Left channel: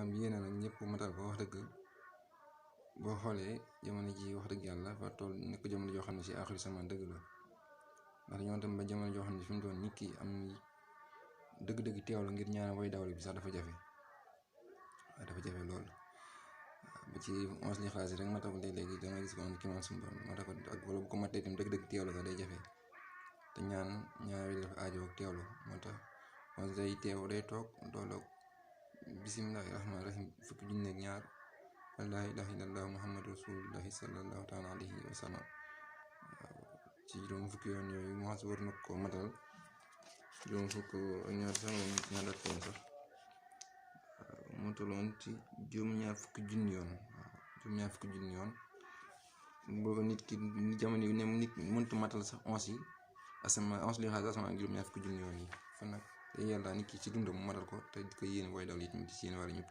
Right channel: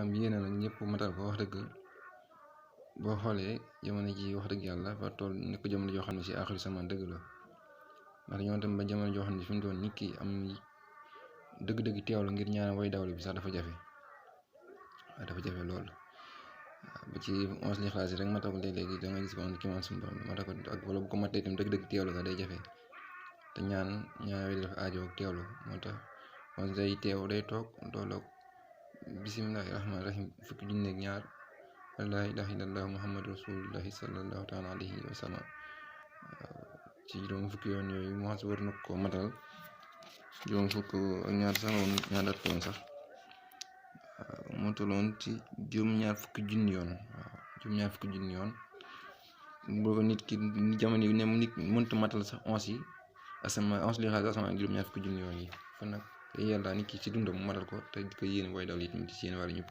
maanaam yéene nag ñëpp matal ko wax dëgg boo xoolee jamono ji wax dëgg yàlla fa toll nekk jamono joo xam ne si aaxiru samaan dëgg la ndax ñoo tam ba jamono joo xam ne fi mu toll nit ki am dëgg-dëgg teewlu ngir ñaan way dawlu bi sax dafa jafe lool ba ci 11 Lixlaas rek mata ko léeg-léegi da nga gis ko ki man suñu borom mata ko ak wala bu ko matee itam dëgg-dëgg teewlu ga day jafe te ñaan way dafa aajo ak teewlu moo tax on day teew day toog dooloog bisimilahi rahmaani rahim fukki junni ak ñaar laa ilaaha illallah muhammadu rasulullahi sallallahu taala alayhi wa sallam ci juróom fukki yoon yooyu mu xas war na ko matal juróom fukk ak ñaar sax moom ñaar dat koon sax moo tolloon ci juróom-ñaar fukki junni yoon juróom-ñaar fukki junni yoon booba nit ki jamono yi ne nit mënta matal sax 11 Lixlaas asamaan juróom-ñaar fukki junni yoon yi kon nag te yàlla nit ki ci dundam mu matal ko te di ko yéene booy daw it ci yéen wàllu ñëpp